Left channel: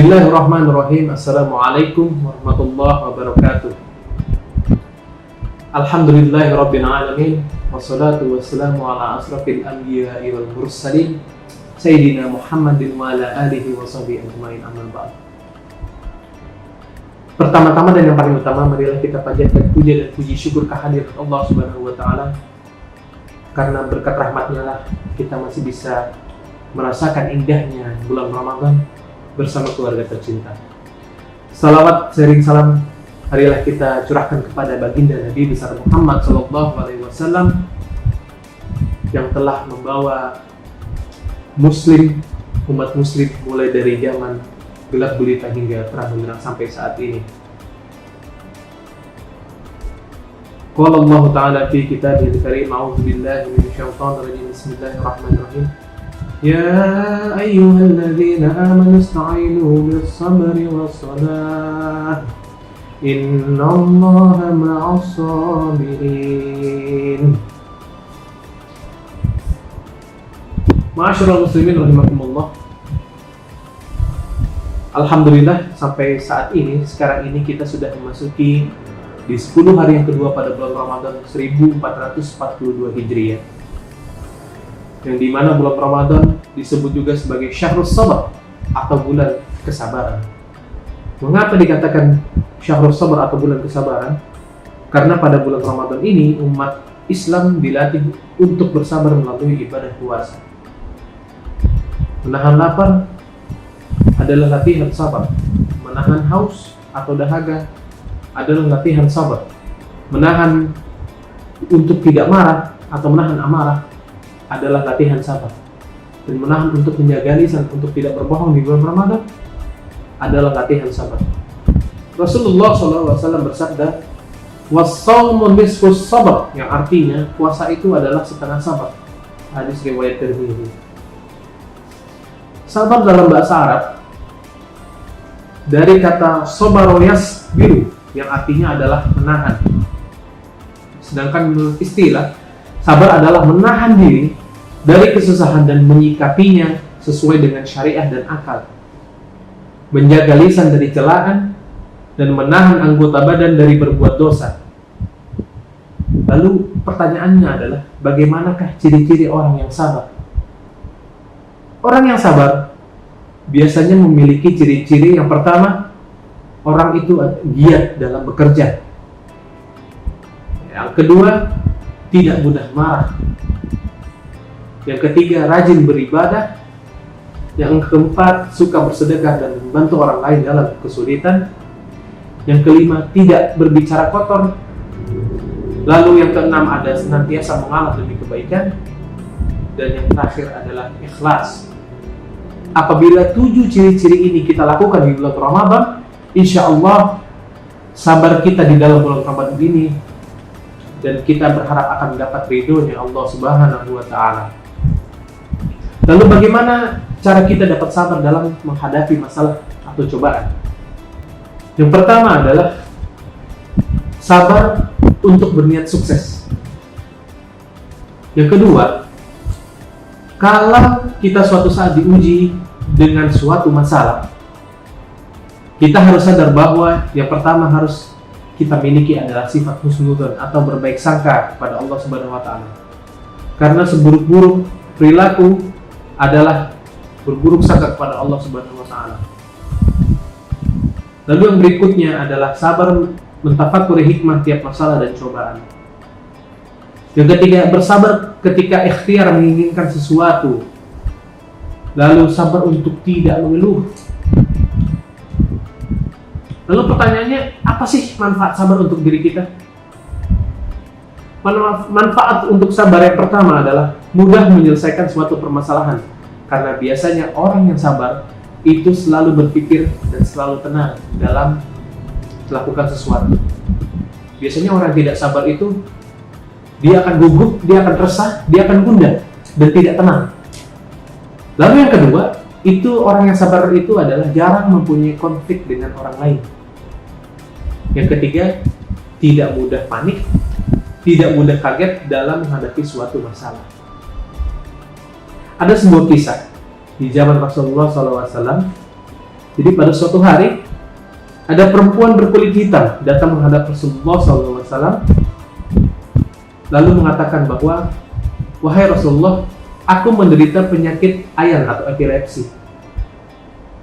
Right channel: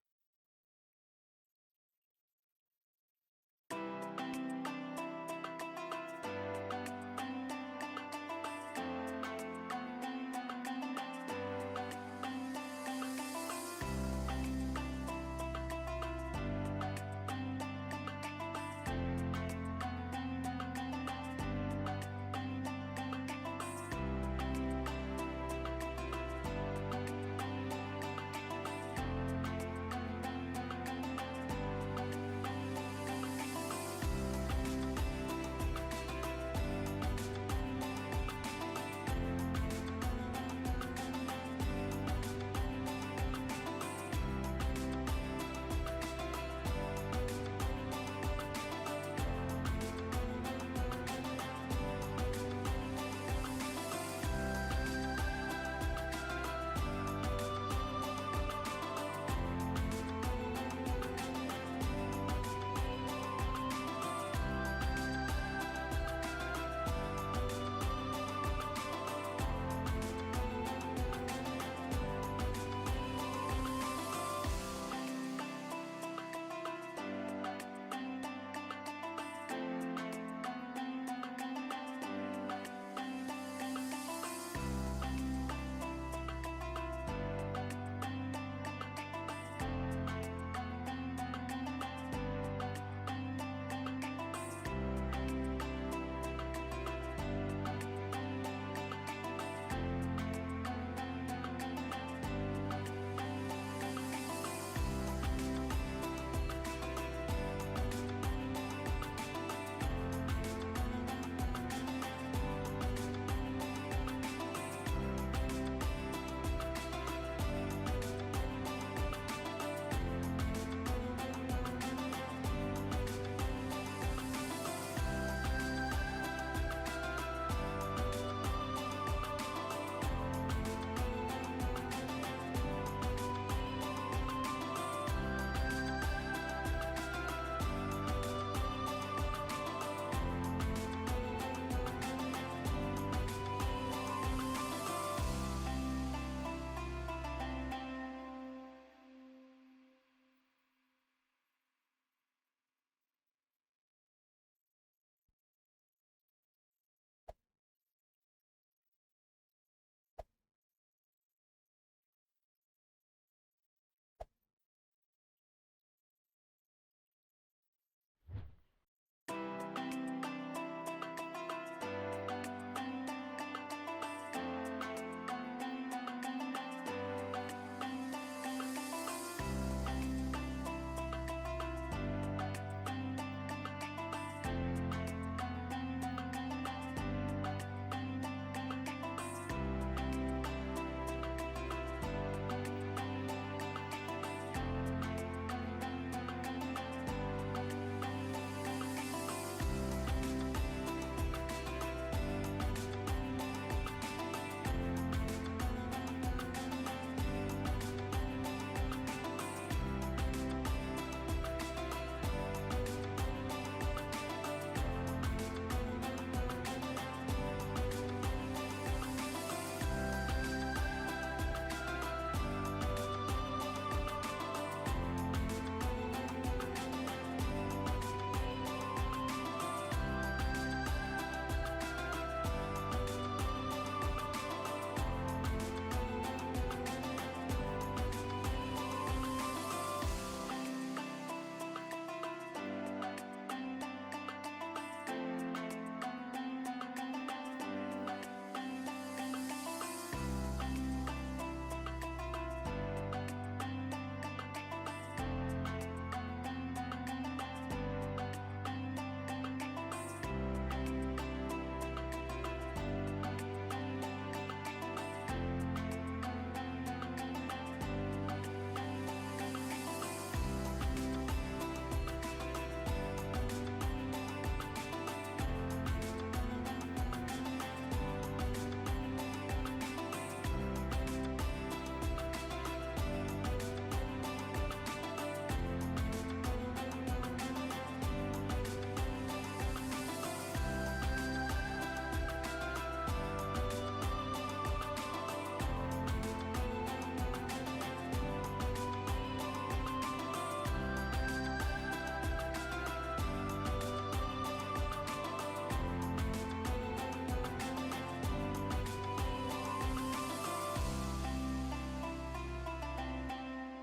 Bismillahirrahmanirrahim. Assalamualaikum warahmatullahi wabarakatuh. Alhamdulillahirabbil alamin. Wassalatu wassalamu ala asrafil anbiya'i wal mursalin Sayyidina Muhammadin wa ala alihi wa sahbihi ajmain, amma ba'd. Pertama-tama dan yang paling utama, marilah kita panjatkan puja dan puji syukur kehadirat Allah Subhanahu wa taala. Karena berkat rahmat-Nya lah kita masih bisa merasakan indahnya bulan Ramadan bersama keluarga tercinta. Salawat sering salam marilah kita curahkan kepada baginda Nabi besar Muhammad sallallahu alaihi wasallam yang telah membawa umat muslim mulai dari zaman gelap gulita hingga terang benderang sampai saat ini. Qala Allah Ta'ala fi kitabihil karim, a'udzu billahi minasyaitonir rajim, bismillahirrahmanirrahim. Ya ayyuhalladzina amanu ista'inu bis-sabri was-salah innallaha ma'as-sabirin. Ma'asyiral muslimin rahimakumullah. Alhamdulillah sampai saat ini, sekarang ini kita sudah memasuki di 10 hari yang kedua pada bulan Ramadan 1442 Hijriah. Yang dimana bulan Ramadan disebut juga sebagai Syahrus Sabar atau bulan kesabaran. Mengapa dikatakan Syahrus Sabar atau bulan kesabaran? Karena pada bulan Ramadan ini umat Islam dilatih untuk bersabar melalui ibadah puasa. Menahan lapar adalah latihan sabar. Menahan haus atau dahaga adalah latihan sabar. Menahan untuk tidak marah atau menahan amarah adalah latihan sabar. Dan menahan untuk menjaga lisan untuk tidak berbohong di bulan Ramadan adalah latihan sabar. Rasulullah SAW bersabda, "Was-shaumu nisfus sabr," yang artinya puasa itu adalah setengah sabar. Hadis riwayat Tirmidzi. Sabar dalam bahasa Arab dari kata sabara yasbiru yang artinya adalah menahan. Sedangkan menurut istilah, sabar adalah menahan diri dari kesusahan dan menyikapinya sesuai dengan syariah dan akal. Menjaga lisan dari celaan dan menahan anggota badan dari berbuat dosa. Lalu pertanyaannya adalah, bagaimanakah ciri-ciri orang yang sabar? Orang yang sabar biasanya memiliki ciri-ciri yang pertama, orang itu giat dalam bekerja. Yang kedua, tidak mudah marah. Yang ketiga, rajin beribadah. Yang keempat, suka bersedekah dan membantu orang lain dalam kesulitan. Yang kelima, tidak berbicara kotor. Lalu yang keenam, ada senantiasa mengalah demi kebaikan. Dan yang terakhir adalah ikhlas. Apabila 7 ciri-ciri ini kita lakukan di bulan Ramadan, insya Allah sabar kita di dalam bulan Ramadan ini dan kita berharap akan mendapat ridhonya Allah Subhanahu wa taala. Lalu bagaimana cara kita dapat sabar dalam menghadapi masalah atau cobaan? Yang pertama adalah sabar untuk berniat sukses. Yang kedua, kalau kita suatu saat diuji dengan suatu masalah, kita harus sadar bahwa yang pertama harus kita miliki adalah sifat husnudzon atau berbaik sangka kepada Allah Subhanahu wa taala. Karena seburuk-buruk perilaku adalah berburuk sangka kepada Allah Subhanahu wa taala. Lalu yang berikutnya adalah sabar mentafakuri hikmah tiap masalah dan cobaan. Yang ketiga, bersabar ketika ikhtiar menginginkan sesuatu. Lalu sabar untuk tidak mengeluh. Lalu pertanyaannya, apa sih manfaat sabar untuk diri kita? Manfaat untuk sabar yang pertama adalah mudah menyelesaikan suatu permasalahan. Karena biasanya orang yang sabar itu selalu berpikir dan selalu tenang dalam melakukan sesuatu. Biasanya orang yang tidak sabar itu dia akan gugup, dia akan resah, dia akan gundah dan tidak tenang. Lalu yang kedua, itu orang yang sabar itu adalah jarang mempunyai konflik dengan orang lain. Yang ketiga, tidak mudah panik, tidak mudah kaget dalam menghadapi suatu masalah. Ada sebuah kisah di zaman Rasulullah SAW Jadi pada suatu hari ada perempuan berkulit hitam datang menghadap Rasulullah SAW, lalu mengatakan bahwa, wahai Rasulullah, aku menderita penyakit ayan atau epilepsi.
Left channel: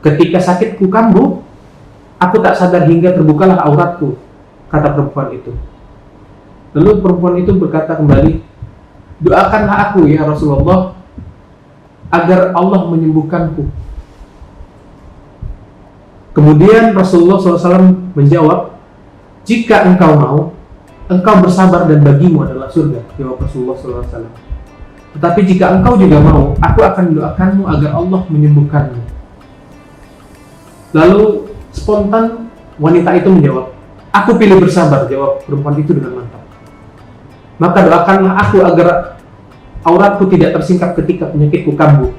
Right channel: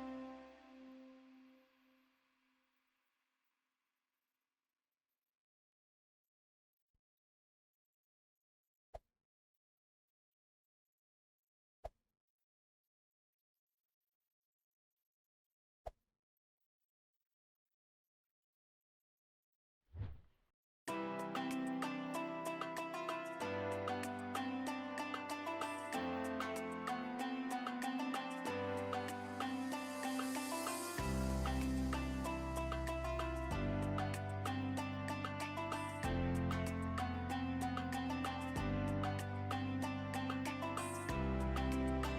Ketika sakitku kambuh, aku tak sadar hingga terbukalah auratku, kata perempuan itu. Lalu perempuan itu berkata kembali, doakanlah aku ya Rasulullah agar Allah menyembuhkanku. Kemudian Rasulullah SAW menjawab, jika engkau mau, engkau bersabar dan bagimu adalah surga. Jawab Rasulullah SAW. Tetapi jika engkau juga mau, aku akan mendoakanmu agar Allah menyembuhkanmu. Lalu spontan wanita itu menjawab, aku pilih bersabar. Jawab perempuan itu dengan mantap. Maka doakanlah aku agar auratku tidak tersingkap ketika penyakitku kambuh.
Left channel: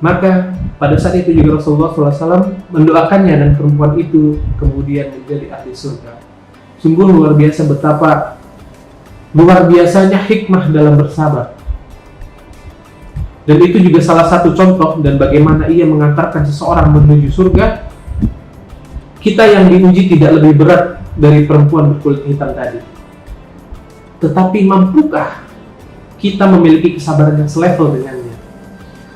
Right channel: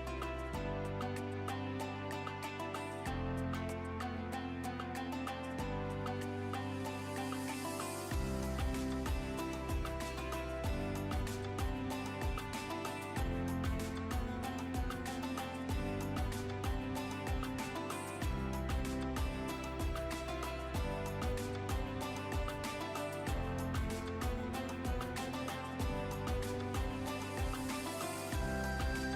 Maka pada saat itu juga Rasulullah SAW mendoakannya dan perempuan itu kemudian menjadi ahli surga. Sungguh luar biasa betapa luar biasanya hikmah dalam bersabar. Dan itu juga salah satu contoh dan bagaimana ia mengantarkan seseorang menuju surga. Kita yang diuji tidak lebih berat dari perempuan berkulit hitam tadi. Tetapi mampukah kita memiliki kesabaran yang selevel dengannya?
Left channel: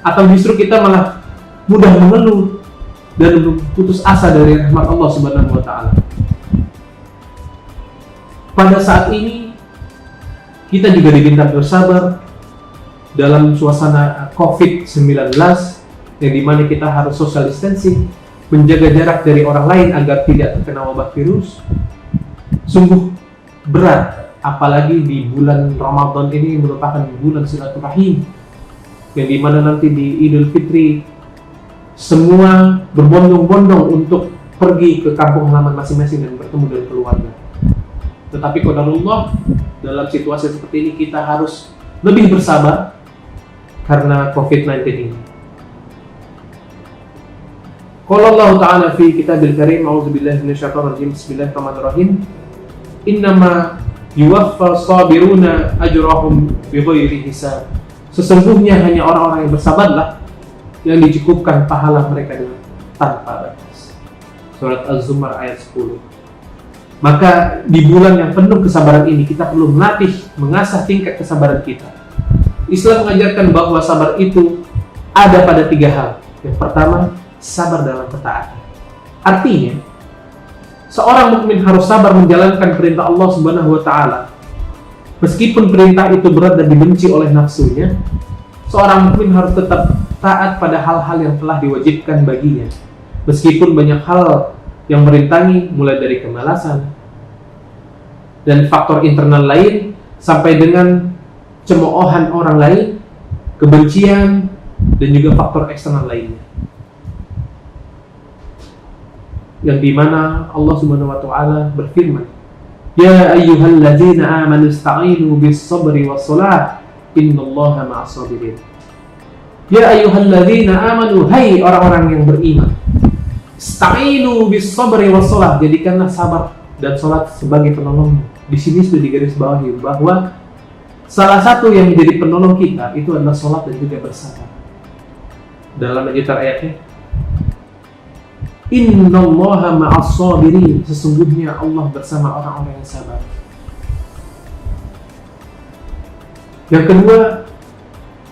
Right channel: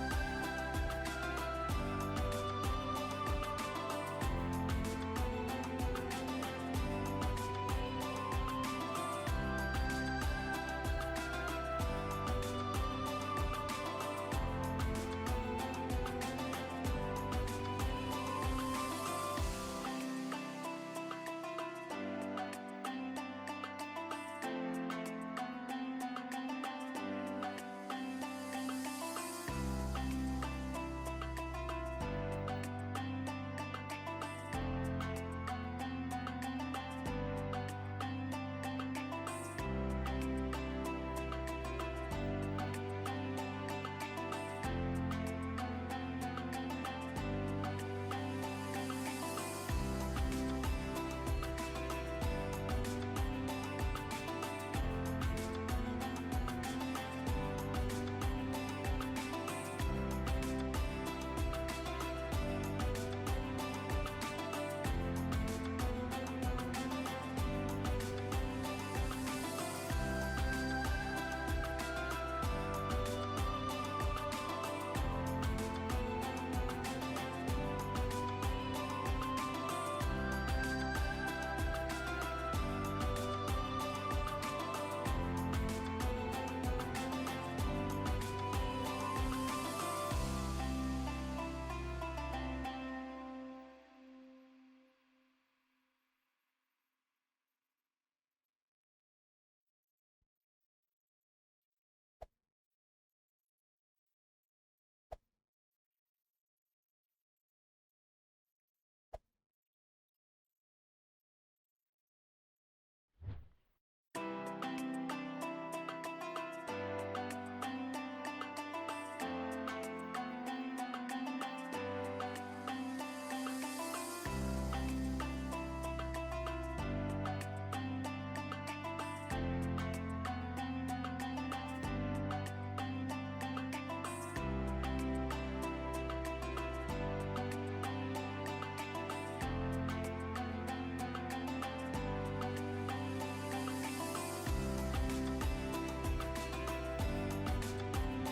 Atau justru kita malah mudah mengeluh dan putus asa dari rahmat Allah Subhanahu wa taala. Pada saat ini kita juga diminta bersabar dalam suasana COVID-19 yang dimana kita harus social distancing, menjaga jarak dari orang lain agar tidak terkena wabah virus. Sungguh berat, apalagi di bulan Ramadan ini merupakan bulan silaturahim, yang dimana nanti di Idul Fitri semua berbondong-bondong untuk pergi ke kampung halaman masing-masing dan bertemu dengan keluarga. Tetapi qadarullah, dalam situasi seperti ini kita harus lebih bersabar karena COVID-19 ini. Qala Allah Ta'ala fi kitabil karim, a'udzubillahi minasyaitonir rajim, bismillahirrahmanirrahim. Innama yuwaffas sabiruna ajrahum bighairi hisab. Sesungguhnya hanya orang-orang yang bersabarlah yang dicukupkan pahala mereka dengan tanpa batas. Surat Az-Zumar ayat 10. Maka di bulan yang penuh kesabaran ini kita perlu melatih, mengasah tingkat kesabaran kita. Islam mengajarkan bahwa sabar itu ada pada 3 hal. Yang pertama, sabar dalam ketaatan. Artinya, seorang mukmin harus sabar menjalankan perintah Allah Subhanahu wa taala. Meskipun perintah itu berat dan dibenci oleh nafsunya, seorang mukmin harus tetap taat pada hal-hal yang telah diwajibkan baginya. Meskipun banyak hal yang merintangi, mulai dari kemalasan dan faktor internal lain, sampai dengan cemoohan orang lain, kebencian, dan juga faktor eksternal lainnya. Yang dimana Allah Subhanahu wa taala berfirman, ya ayyuhalladzina amanu ista'inu bis-sabri was-salah innallaha ma'as-sabirin. Ya ayyuhalladzina amanu, hai orang-orang yang beriman, ista'inu bis-sabri was-salah, jadikanlah sabar dan salat sebagai penolong. Di sini sudah digarisbawahi bahwa salah satu yang menjadi penolong kita itu adalah salat dan juga bersabar. Dalam lanjutan ayatnya, innallaha ma'as-sabirin, sesungguhnya Allah bersama orang-orang yang sabar. Yang kedua,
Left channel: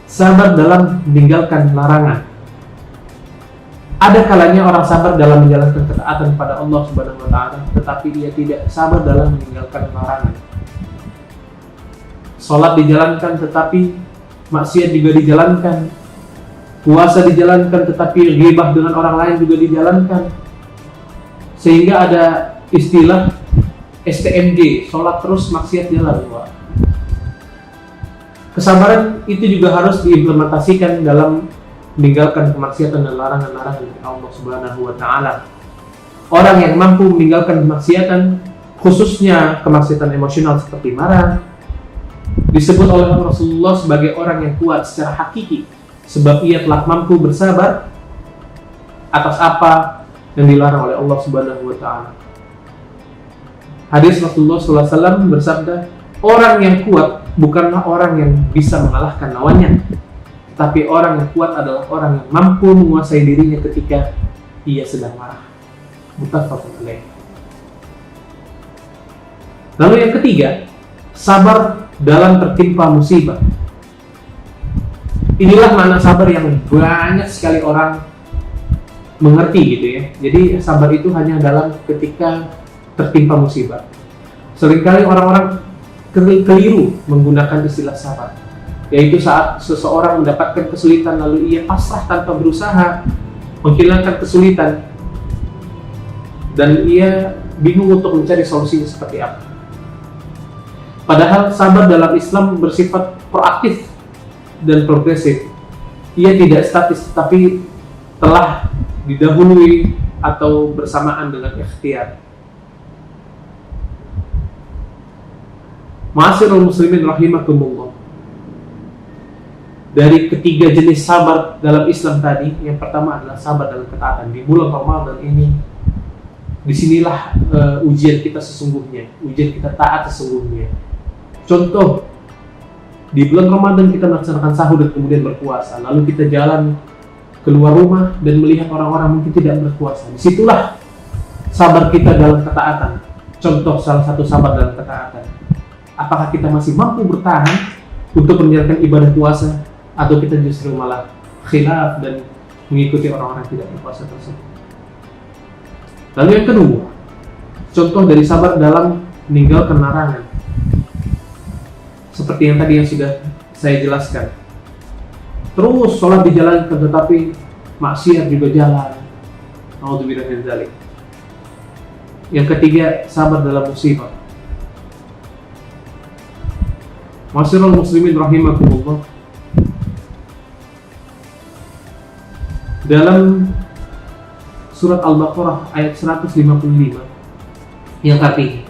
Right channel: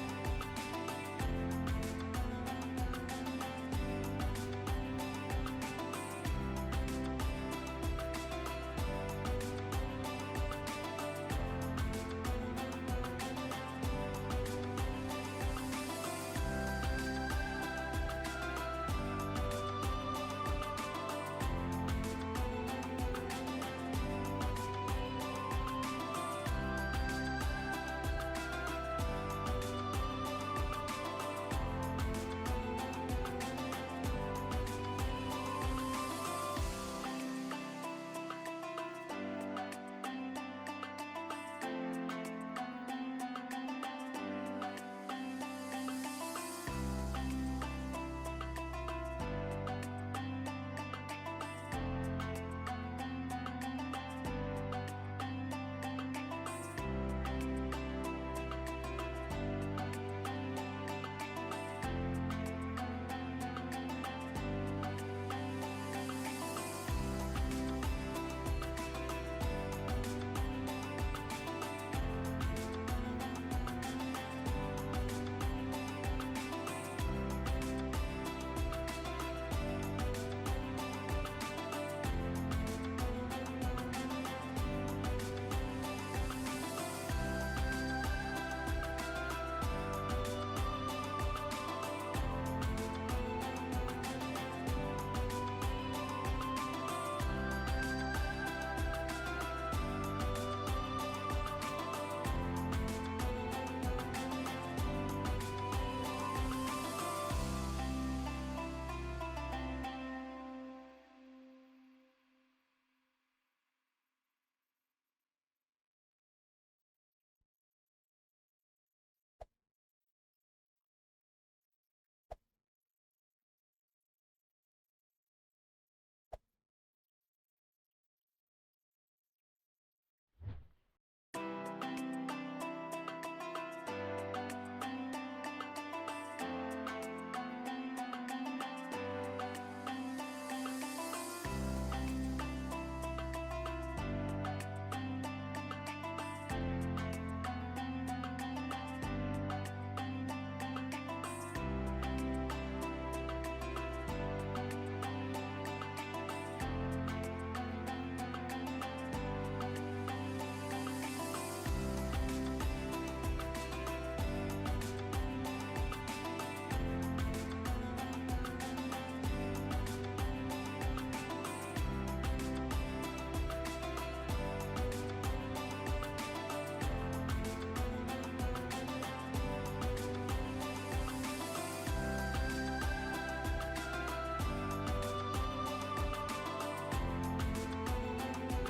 sabar dalam meninggalkan larangan. Ada kalanya orang sabar dalam menjalankan ketaatan pada Allah Subhanahu wa taala, tetapi dia tidak sabar dalam meninggalkan larangan. Salat dijalankan tetapi maksiat juga dijalankan. Puasa dijalankan tetapi ghibah dengan orang lain juga dijalankan. Sehingga ada istilah STMJ, sholat terus maksiat jalan. Kesabaran itu juga harus diimplementasikan dalam meninggalkan kemaksiatan dan larangan-larangan dari Allah Subhanahu wa taala. Orang yang mampu meninggalkan kemaksiatan, khususnya kemaksiatan emosional seperti marah, disebut oleh Rasulullah sebagai orang yang kuat secara hakiki, sebab ia telah mampu bersabar atas apa yang dilarang oleh Allah Subhanahu wa taala. Hadis Rasulullah SAW bersabda, orang yang kuat bukanlah orang yang bisa mengalahkan lawannya, tapi orang yang kuat adalah orang yang mampu menguasai dirinya ketika ia sedang marah. Muttafaqun alaih. Lalu yang ketiga, sabar dalam tertimpa musibah. Inilah makna sabar yang banyak sekali orang mengerti gitu ya. Jadi sabar itu hanya dalam ketika tertimpa musibah. Seringkali orang-orang keliru menggunakan istilah sabar, yaitu saat seseorang mendapatkan kesulitan lalu ia pasrah tanpa berusaha menghilangkan kesulitan dan ia bingung untuk mencari solusinya seperti apa. Padahal sabar dalam Islam bersifat proaktif dan progresif. Ia tidak statis tetapi telah didahului atau bersamaan dengan ikhtiar. Ma'asyiral muslimin rahimakumullah. Dari ketiga jenis sabar dalam Islam tadi, yang pertama adalah sabar dalam ketaatan. Di bulan Ramadan ini, disinilah ujian kita sesungguhnya, ujian kita taat sesungguhnya. Contoh, di bulan Ramadan kita melaksanakan sahur dan kemudian berpuasa, lalu kita jalan keluar rumah dan melihat orang-orang mungkin tidak berpuasa. Disitulah sabar kita dalam ketaatan. Contoh salah satu sabar dalam ketaatan. Apakah kita masih mampu bertahan untuk menjalankan ibadah puasa, atau kita justru malah khilaf dan mengikuti orang-orang tidak berpuasa tersebut. Lalu yang kedua, contoh dari sabar dalam meninggalkan larangan. Seperti yang tadi yang sudah saya jelaskan. Terus sholat dijalankan tetapi maksiat juga jalan. Naudzubillah min dzalik. Yang ketiga, sabar dalam musibah. Ma'asyiral muslimin rahimakumullah. Dalam surat Al-Baqarah ayat 155 yang artinya,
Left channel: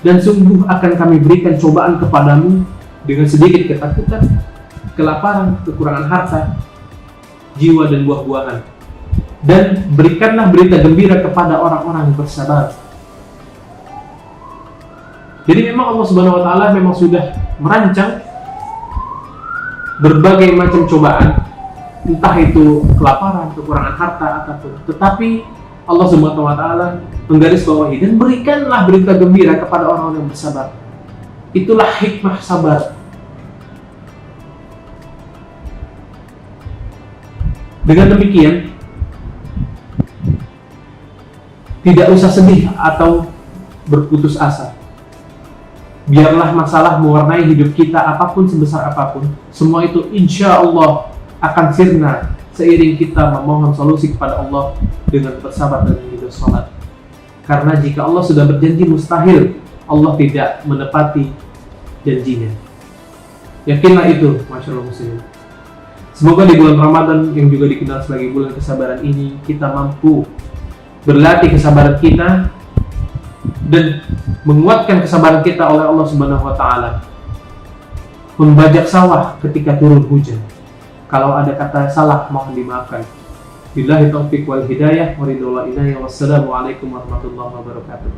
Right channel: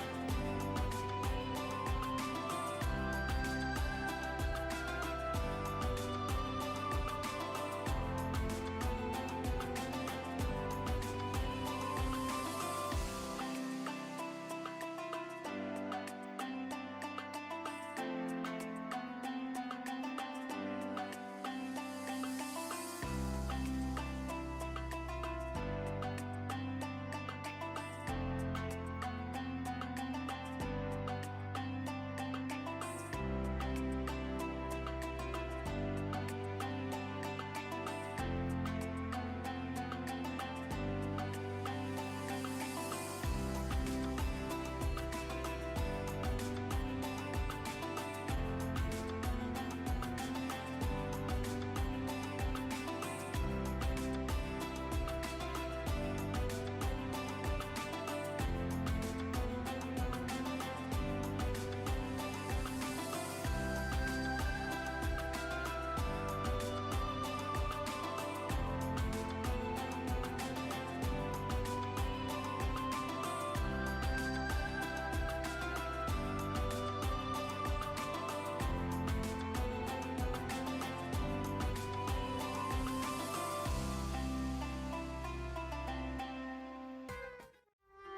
dan sungguh akan kami berikan cobaan kepadamu dengan sedikit ketakutan, kelaparan, kekurangan harta, jiwa dan buah-buahan, dan berikanlah berita gembira kepada orang-orang yang bersabar. Jadi memang Allah Subhanahu wa taala memang sudah merancang berbagai macam cobaan, entah itu kelaparan, kekurangan harta ataupun, tetapi Allah Subhanahu wa taala menggarisbawahi dan berikanlah berita gembira kepada orang-orang yang bersabar. Itulah hikmah sabar. Dengan demikian, tidak usah sedih atau berputus asa. Biarlah masalah mewarnai hidup kita apapun sebesar apapun, semua itu insya Allah akan sirna seiring kita memohon solusi kepada Allah dengan bersabar dan hidup sholat. Karena jika Allah sudah berjanji, mustahil Allah tidak menepati janjinya. Yakinlah itu, masyaallah muslimin. Semoga di bulan Ramadan yang juga dikenal sebagai bulan kesabaran ini, kita mampu berlatih kesabaran kita dan menguatkan kesabaran kita oleh Allah Subhanahu wa taala. Membajak sawah ketika turun hujan. Kalau ada kata salah mohon dimaafkan. Billahi taufiq wal hidayah wa ridha wa inayah. Wassalamualaikum warahmatullahi wabarakatuh.